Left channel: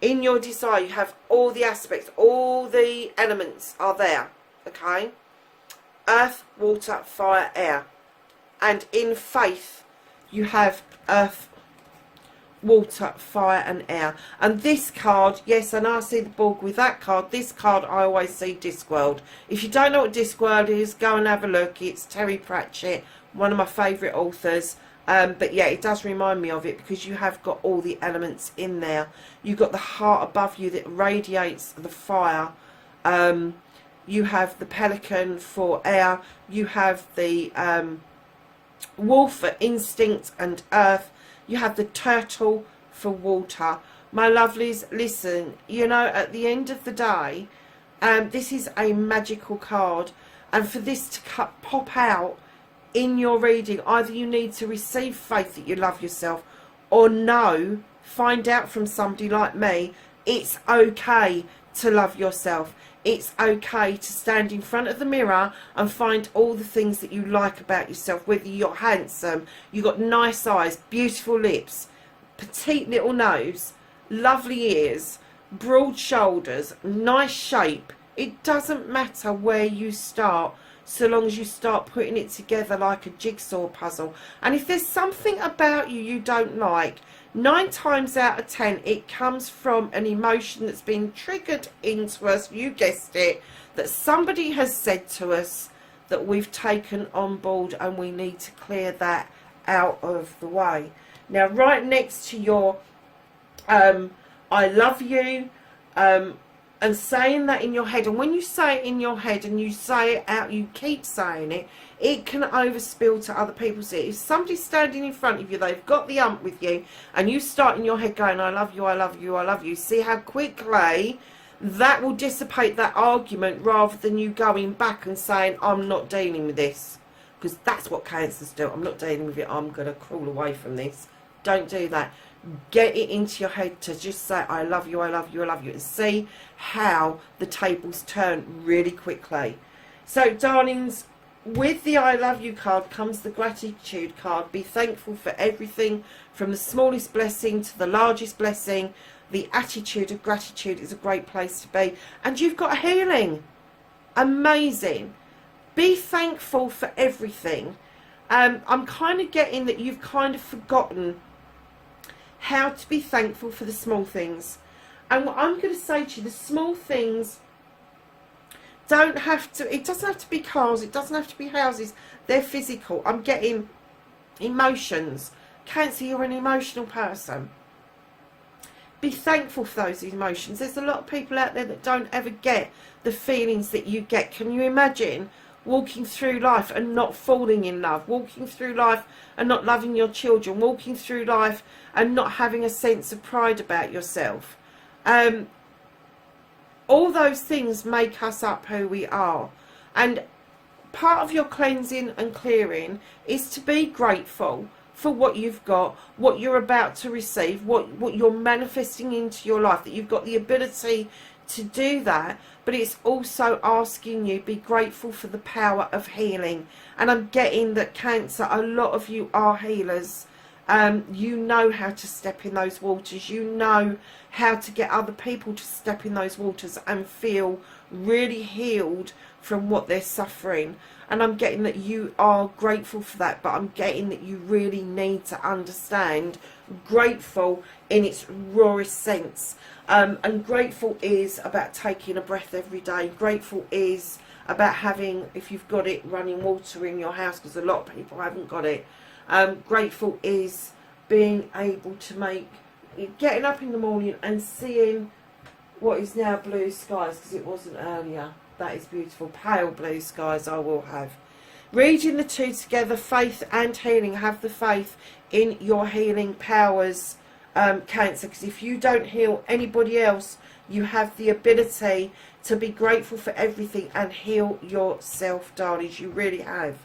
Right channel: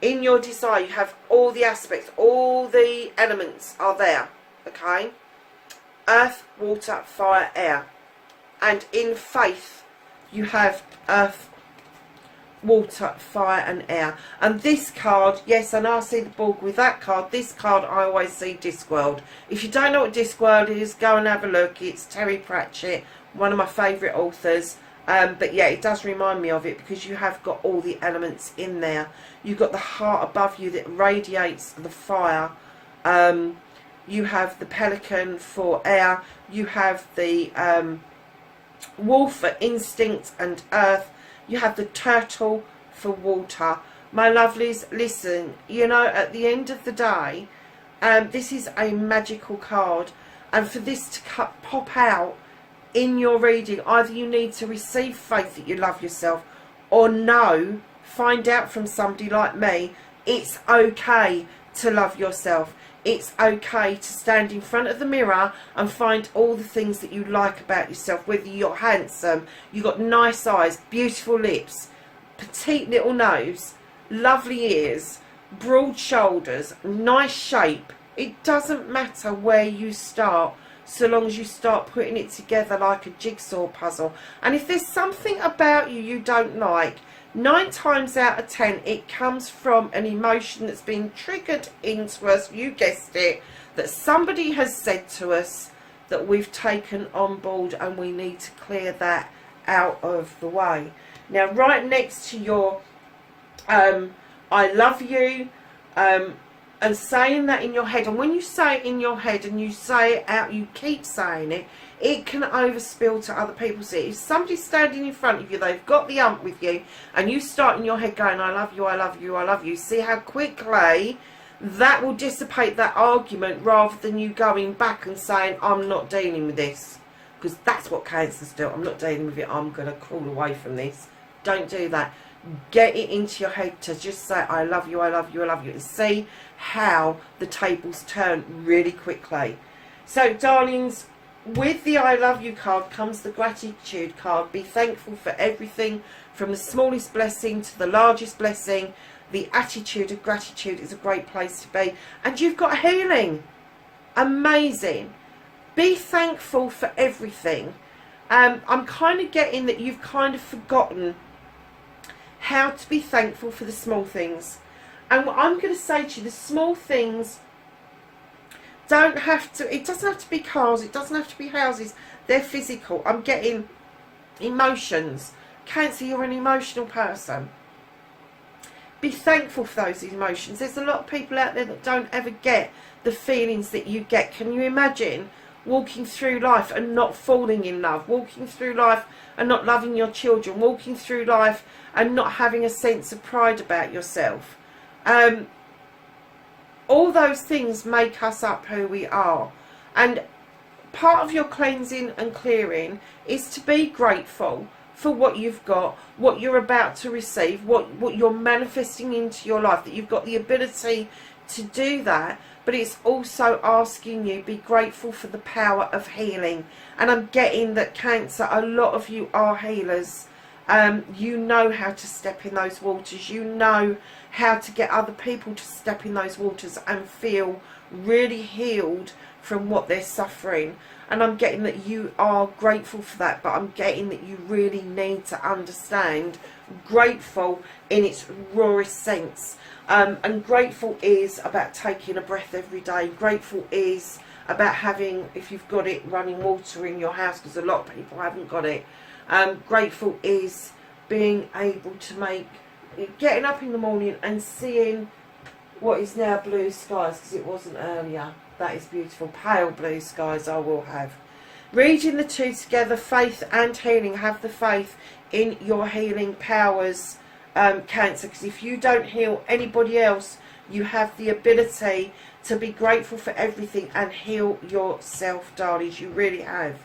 In your desire, you have all the aspects, all the elements are there, okay? Earth, water, fire, air. And in faith, you have earth, water, fire and air. And this card, yes, I know I see the Borg with that card. This card, I always see Discworld. If you don't know what Discworld is, go and have a look. It's Terry Pratchett, one of my favourite authors. But yeah, it does remind me of it because you have got all the elements in there. You've got the heart above you that radiates the fire. You have the pelican for air. You have the wolf for instinct and earth. You have the turtle for water. My lovelies, listen, you know, at the end of the day, this is a magical card. And for this to pop out in your reading, either you need to receive faith that you love yourself, or no, find out from somebody like me, it's okay to love yourself. It's okay to stand in front of the mirror and find all the things that you like about yourself, whether you're handsome, you've got nice eyes, beautiful lips, petite little nose, lovely ears, broad shoulders, nice shape. It doesn't matter where you start, so long as you start putting it together like a jigsaw puzzle. And if there's something about you don't like, 9 times out of 10 it comes from an emotion that's been triggered into us, you guessed it, that somebody has said to us that we've taken on board, and we need to clear that out of the way. Now, right next to your I love you, and saying that in your head, and when you say it in your head and you say it out, you keep saying it, it can overspill to other people. So if somebody's standing in front of you, they've got the ump with you, and you start in your head going, I love you, I love you, I love you, see how quickly that will dissipate that argument, rather than you going back and saying, I'm not dealing with this. Because that's what cancers do. I'm not dealing with it, I'm going to crawl away from this. Don't do that. Get it into your head to just say, I love you, I love you, I love you, and see how the tables turn really quickly. So, darlings, with the I love you card comes the gratitude card. Be thankful for everything, from the smallest blessing to the largest blessing. The attitude of gratitude is a great place to be. And you've got healing. Amazing. Be thankful for everything. I'm kind of getting that you've kind of forgotten how to be thankful for the small things. And what I'm going to say to you, the small things don't have to, it doesn't have to be cars, it doesn't have to be houses, they're physical. I'm getting emotions. Cancer, you're an emotional person. Be thankful for those emotions. There's a lot of people out there that don't ever get the feelings that you get. Can you imagine walking through life and not falling in love, walking through life and not loving your children, walking through life and not having a sense of pride about yourself? All those things make us up who we are. And part of your cleansing and clearing is to be grateful for what you've got, what you're about to receive, what you're manifesting into your life, that you've got the ability to do that. But it's also asking you, be grateful for the power of healing. And I'm getting that, Cancer, a lot of you are healers. You know how to step in those waters. You know how to get other people to step in those waters and feel really healed from what they're suffering. And I'm getting that you are grateful for that, but I'm getting that you really need to understand grateful in its rawest sense. And grateful is about taking a breath every day. Grateful is about having, if you've got it, running water in your house, because a lot of people haven't got it. Grateful is being able to make, getting up in the morning and seeing what is now blue skies, because it wasn't earlier. That is beautiful. Pale blue skies I will have. Reading the two together, faith and healing. Have the faith in your healing powers, Cancer, because if you don't heal anybody else, you have the ability to be grateful for everything and heal yourself, darlings. You really have.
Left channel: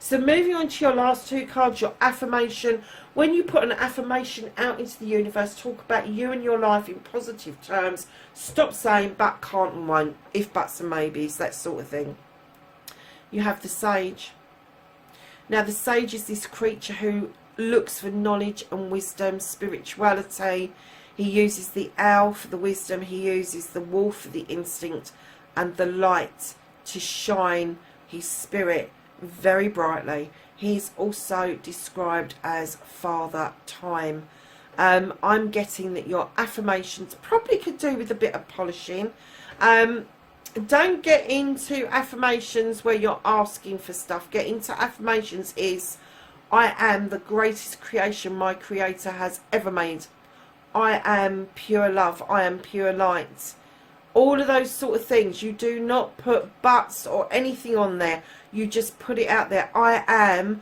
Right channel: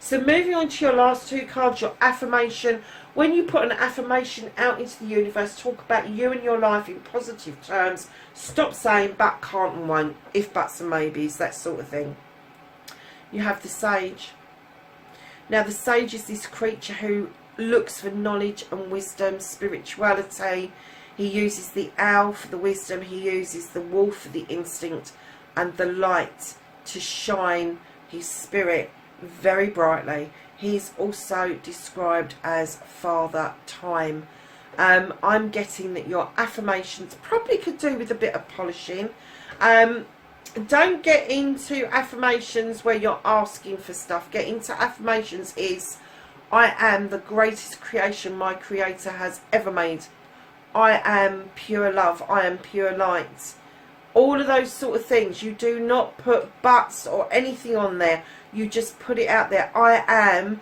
So moving on to your last two cards, your affirmation. When you put an affirmation out into the universe, talk about you and your life in positive terms. Stop saying but, can't and won't, if buts and maybes, that sort of thing. You have the sage. Now the sage is this creature who looks for knowledge and wisdom, spirituality. He uses the owl for the wisdom. He uses the wolf for the instinct, and the light to shine his spirit very brightly. He's also described as Father Time. I'm getting that your affirmations probably could do with a bit of polishing. Don't get into affirmations where you're asking for stuff. Get into affirmations is, I am the greatest creation my creator has ever made. I am pure love. I am pure light. All of those sort of things. You do not put buts or anything on there. You just put it out there. I am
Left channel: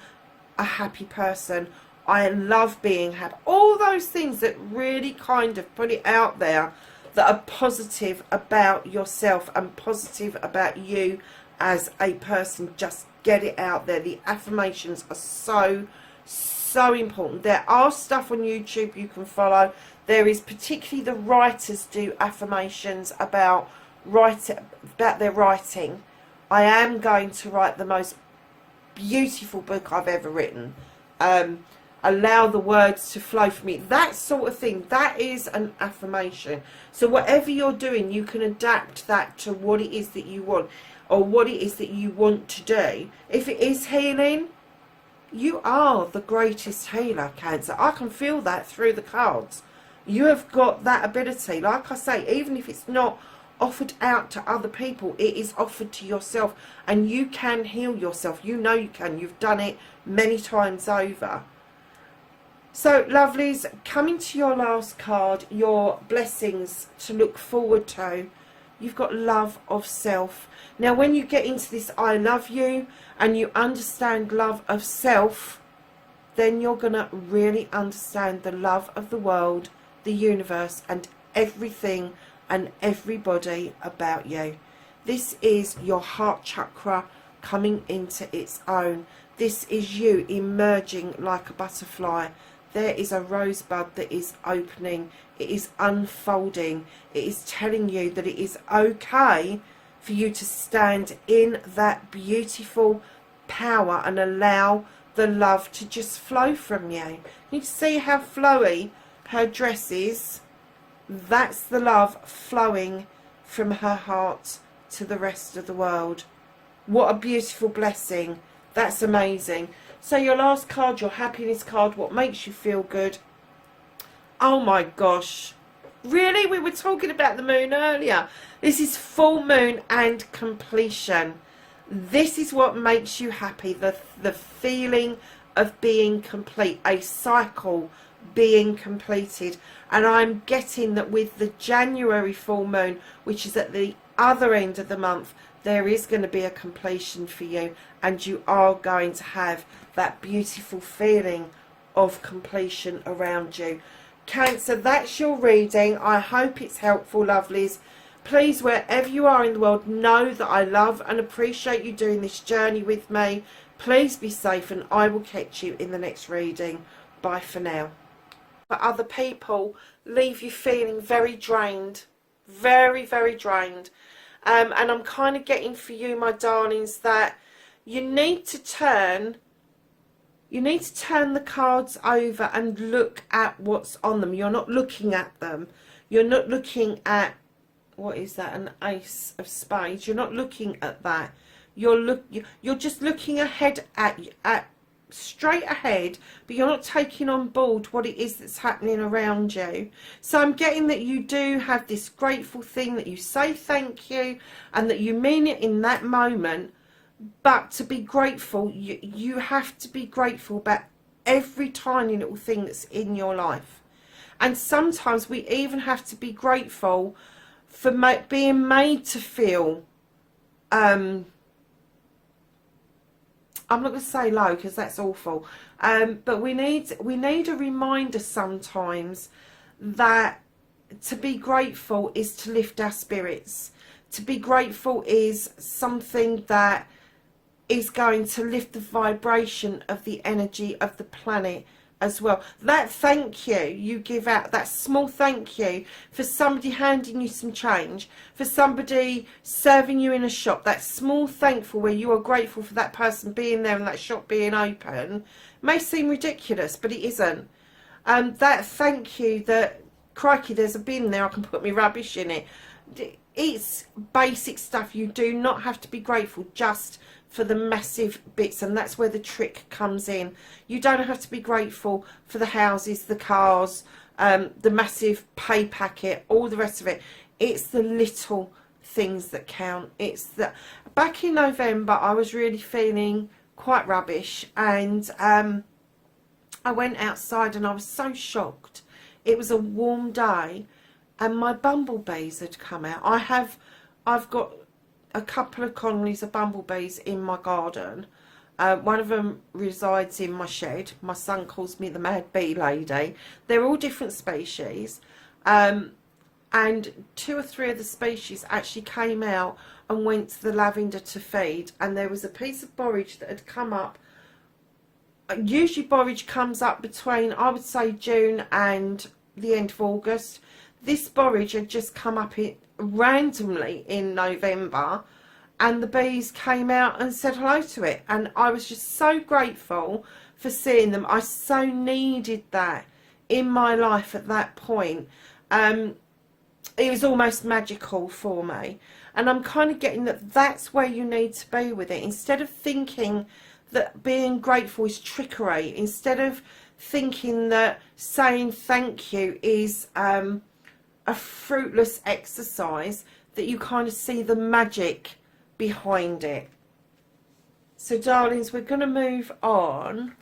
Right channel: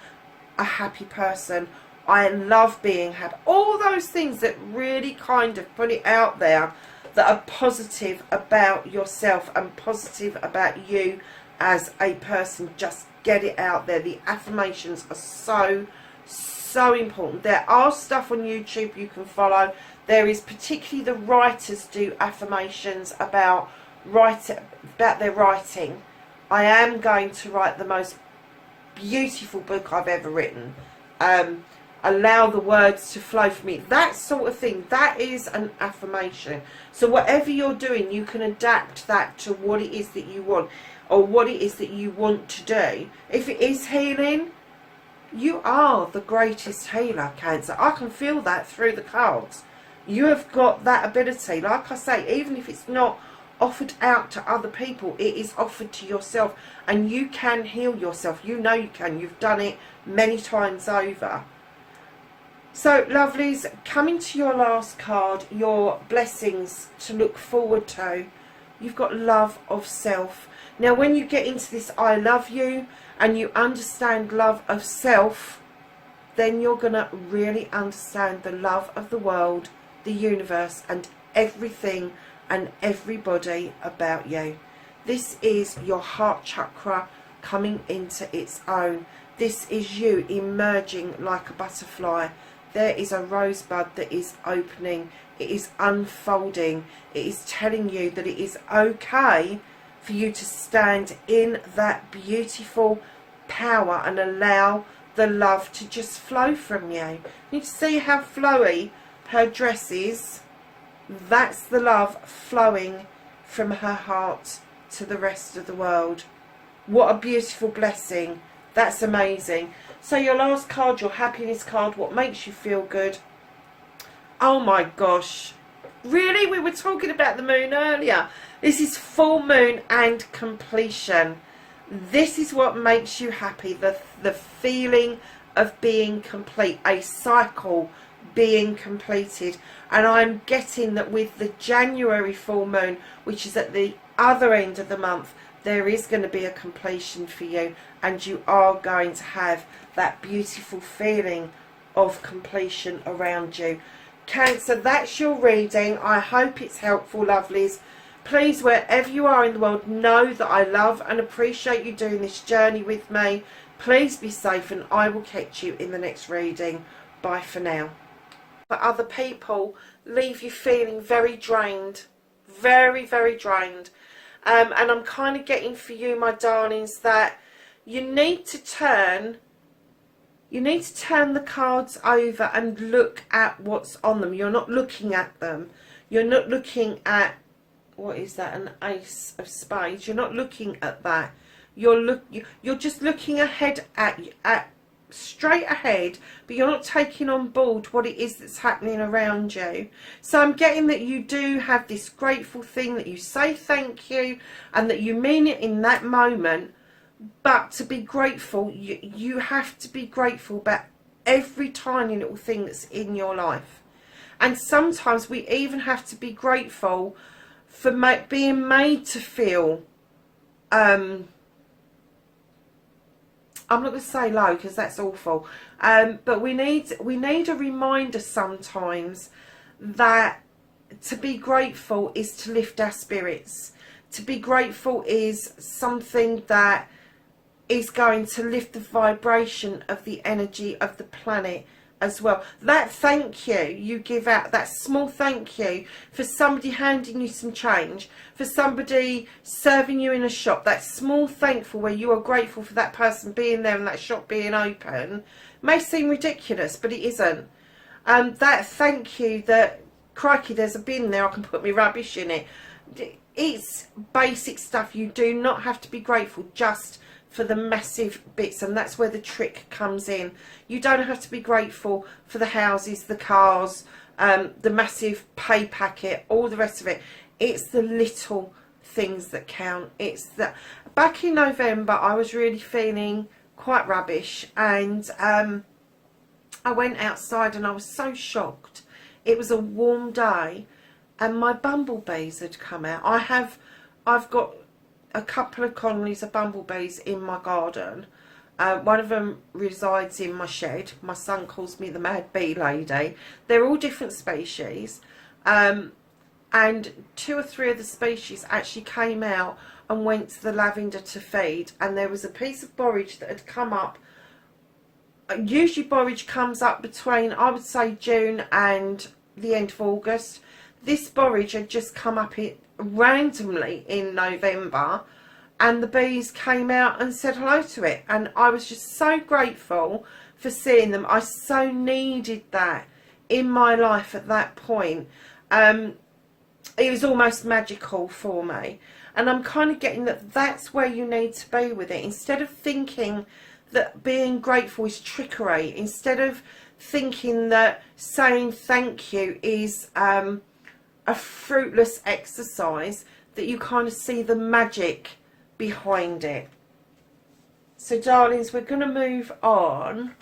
a happy person. I love being happy. All those things that really kind of put it out there, that are positive about yourself and positive about you as a person. Just get it out there. The affirmations are so important. There are stuff on YouTube you can follow. There is, particularly the writers do affirmations about their writing. I am going to write the most beautiful book I've ever written. Allow the words to flow from me. That sort of thing. That is an affirmation. So whatever you're doing, you can adapt that to what it is that you want, or what it is that you want to do. If it is healing, you are the greatest healer, Cancer. I can feel that through the cards. You have got that ability. Like I say, even if it's not offered out to other people, it is offered to yourself, and you can heal yourself. You know you can. You've done it many times over. So, lovelies, coming to your last card, your blessings to look forward to. You've got love of self. Now, when you get into this I love you and you understand love of self, then you're going to really understand the love of the world, the universe, and everything and everybody about you. This is your heart chakra coming into its own. This is you emerging like a butterfly. There is a rosebud that is opening. It is unfolding. It is telling you that it is okay for you to stand in that beautiful power and allow the love to just flow from you. You can see how flowy her dress is. That's the love flowing from her heart to the rest of the world. What a beautiful blessing. That's amazing. So your last card, your happiness card, what makes you feel good. Oh my gosh. Really? We were talking about the moon earlier. This is full moon and completion. This is what makes you happy. The feeling of being complete. A cycle being completed. And I'm getting that with the January full moon, which is at the other end of the month, there is going to be a completion for you. And you are going to have that beautiful feeling of completion around you. Cancer, that's your reading. I hope it's helpful, lovelies. Please, wherever you are in the world, know that I love and appreciate you doing this journey with me. Please be safe, and I will catch you in the next reading. Bye for now. For other people, leave you feeling very drained. Very, very drained. And I'm kind of getting for you, my darlings, that you need to turn the cards over and look at what's on them. You're not looking at them. You're not looking at, what is that, an ace of spades. You're not looking at that. You're just looking ahead at straight ahead, but you're not taking on board what it is that's happening around you. So I'm getting that you do have this grateful thing, that you say thank you and that you mean it in that moment. But to be grateful, you have to be grateful about every tiny little thing that's in your life. And sometimes we even have to be grateful for being made to feel, I'm not going to say low because that's awful, but we need a reminder sometimes that to be grateful is to lift our spirits. To be grateful is something that is going to lift the vibration of the energy of the planet as well. That thank you you give out, that small thank you for somebody handing you some change, for somebody serving you in a shop, that small thankful where you are grateful for that person being there and that shop being open, may seem ridiculous, but it isn't. That thank you that, crikey, there's a bin there, I can put my rubbish in it. It's basic stuff. You do not have to be grateful just for the massive bits, and that's where the trick comes in. You don't have to be grateful for the houses, the cars, the massive pay packet, all the rest of it. It's the little things that count. It's that. Back in November, I was really feeling quite rubbish, and I went outside and I was so shocked. It was a warm day and my bumblebees had come out. I've got a couple of colonies of bumblebees in my garden. One of them resides in my shed. My son calls me the mad bee lady. They're all different species. And 2 or 3 of the species actually came out and went to the lavender to feed. And there was a piece of borage that had come up. Usually borage comes up between, I would say, June and the end of August. This borage had just come up randomly in November, and the bees came out and said hello to it, and I was just so grateful for seeing them. I so needed that in my life at that point. It was almost magical for me, and I'm kind of getting that that's where you need to be with it. Instead of thinking that being grateful is trickery, instead of thinking that saying thank you is a fruitless exercise, that you kind of see the magic behind it. So darlings, we're going to move on.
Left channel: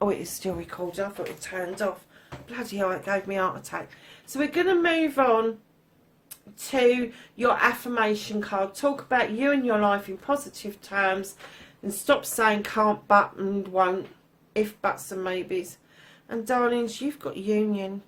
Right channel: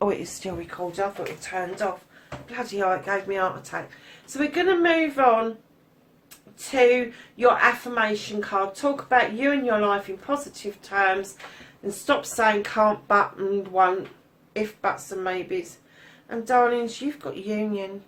Oh, it is still recording. I thought it turned off. Bloody hell, it gave me a heart attack. So we're going to move on to your affirmation card. Talk about you and your life in positive terms, and stop saying can't, but, and won't, if, buts and maybes. And darlings, you've got union.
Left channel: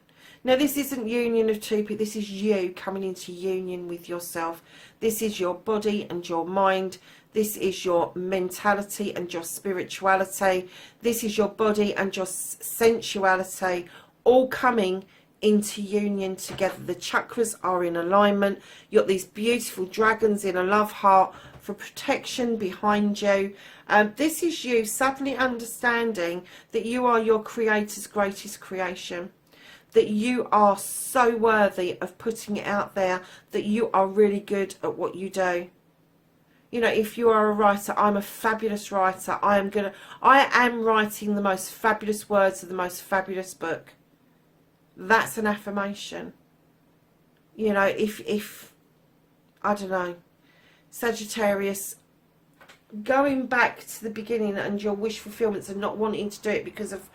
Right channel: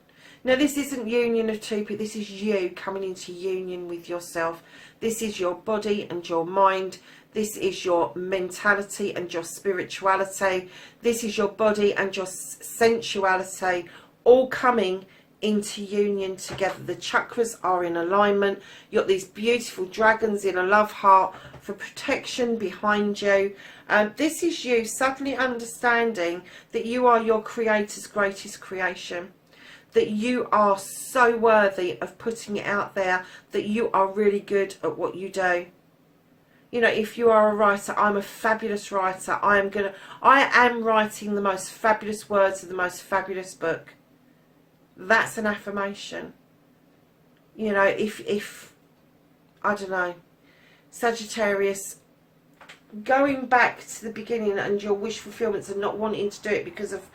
Now, this isn't union of two people. This is you coming into union with yourself. This is your body and your mind. This is your mentality and your spirituality. This is your body and your sensuality, all coming into union together. The chakras are in alignment. You've got these beautiful dragons in a love heart for protection behind you. This is you suddenly understanding that you are your creator's greatest creation, that you are so worthy of putting it out there, that you are really good at what you do. You know, if you are a writer, I'm a fabulous writer. I am writing the most fabulous words of the most fabulous book. That's an affirmation. You know, if I don't know, Sagittarius, going back to the beginning and your wish fulfillments and not wanting to do it because of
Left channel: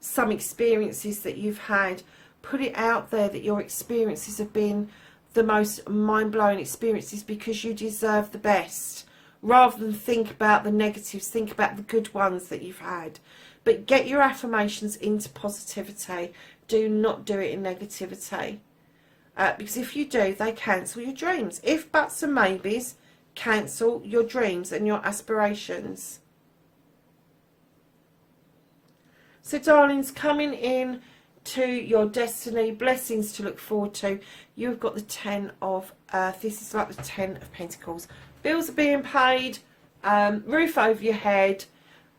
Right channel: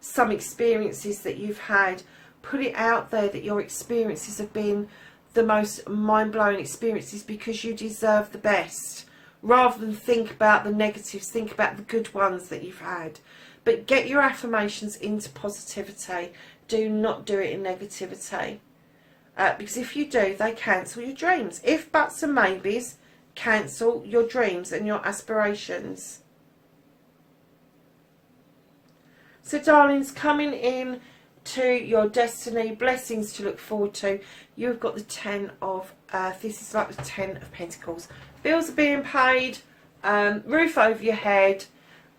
some experiences that you've had, put it out there that your experiences have been the most mind-blowing experiences because you deserve the best. Rather than think about the negatives, think about the good ones that you've had. But get your affirmations into positivity. Do not do it in negativity. Because if you do, they cancel your dreams. If, buts and maybes, cancel your dreams and your aspirations. So darlings, coming in to your destiny, blessings to look forward to. You've got the 10 of Earth. This is like the 10 of Pentacles. Bills are being paid, roof over your head,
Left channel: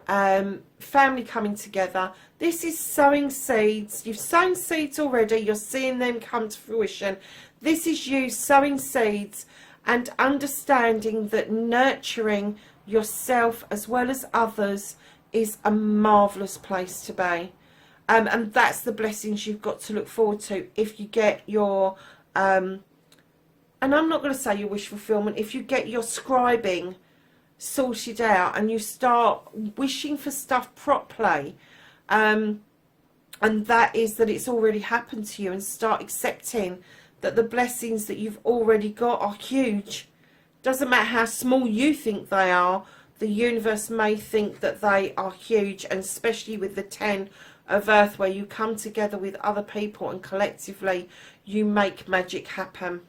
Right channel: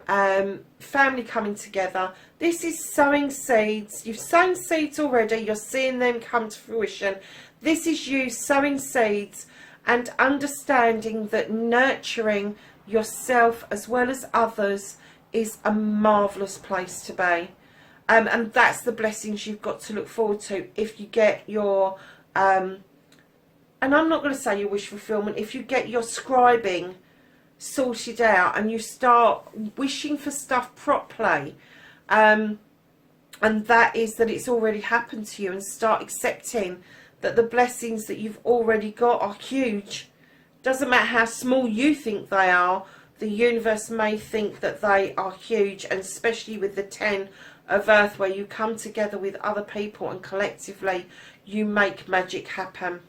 family coming together. This is sowing seeds. You've sown seeds already. You're seeing them come to fruition. This is you sowing seeds and understanding that nurturing yourself as well as others is a marvellous place to be. And that's the blessings you've got to look forward to if you get your, and I'm not going to say your wish fulfillment, if you get your scribing sorted out and you start wishing for stuff properly, and that is that it's already happened to you, and start accepting that the blessings that you've already got are huge. Doesn't matter how small you think they are, the universe may think that they are huge, and especially with the 10 of Earth, where you come together with other people and collectively you make magic happen.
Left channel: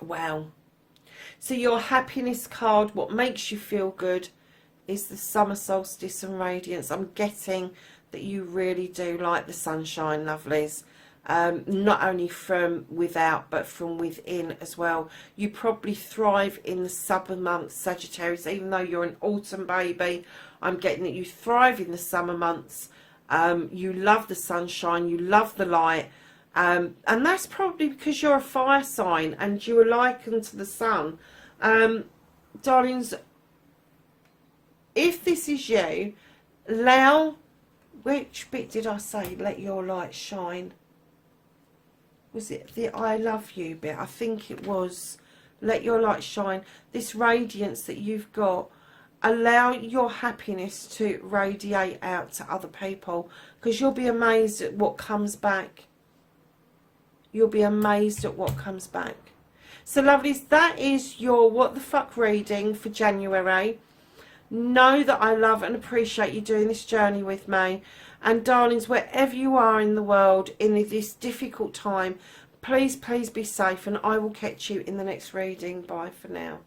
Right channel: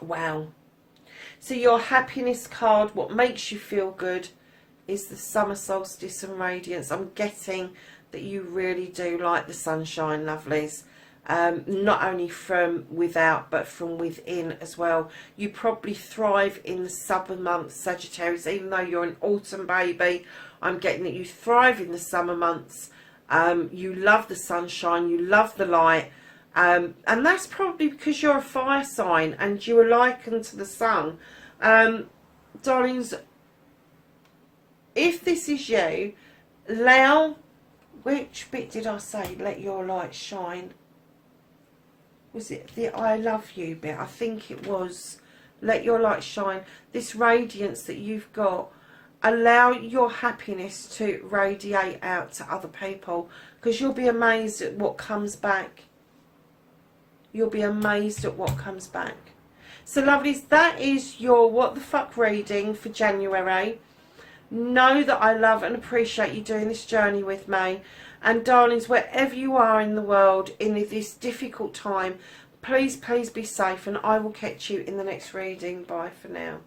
Wow. So your happiness card, what makes you feel good, is the summer solstice and radiance. I'm getting that you really do like the sunshine, lovelies. Not only from without but from within as well. You probably thrive in the summer months, Sagittarius, even though you're an autumn baby. I'm getting that you thrive in the summer months. You love the sunshine, you love the light, and that's probably because you're a fire sign and you are likened to the sun. Darlings, if this is you, allow, which bit did I say, let your light shine? Was it the I love you bit? I think it was. Let your light shine. This radiance that you've got, allow your happiness to radiate out to other people, because you'll be amazed at what comes back. You'll be amazed at what comes back. So lovelies, that is your what the fuck reading for January. Know that I love and appreciate you doing this journey with me. And darlings, wherever you are in the world in this difficult time, please, please be safe, and I will catch you in the next reading. Bye for now.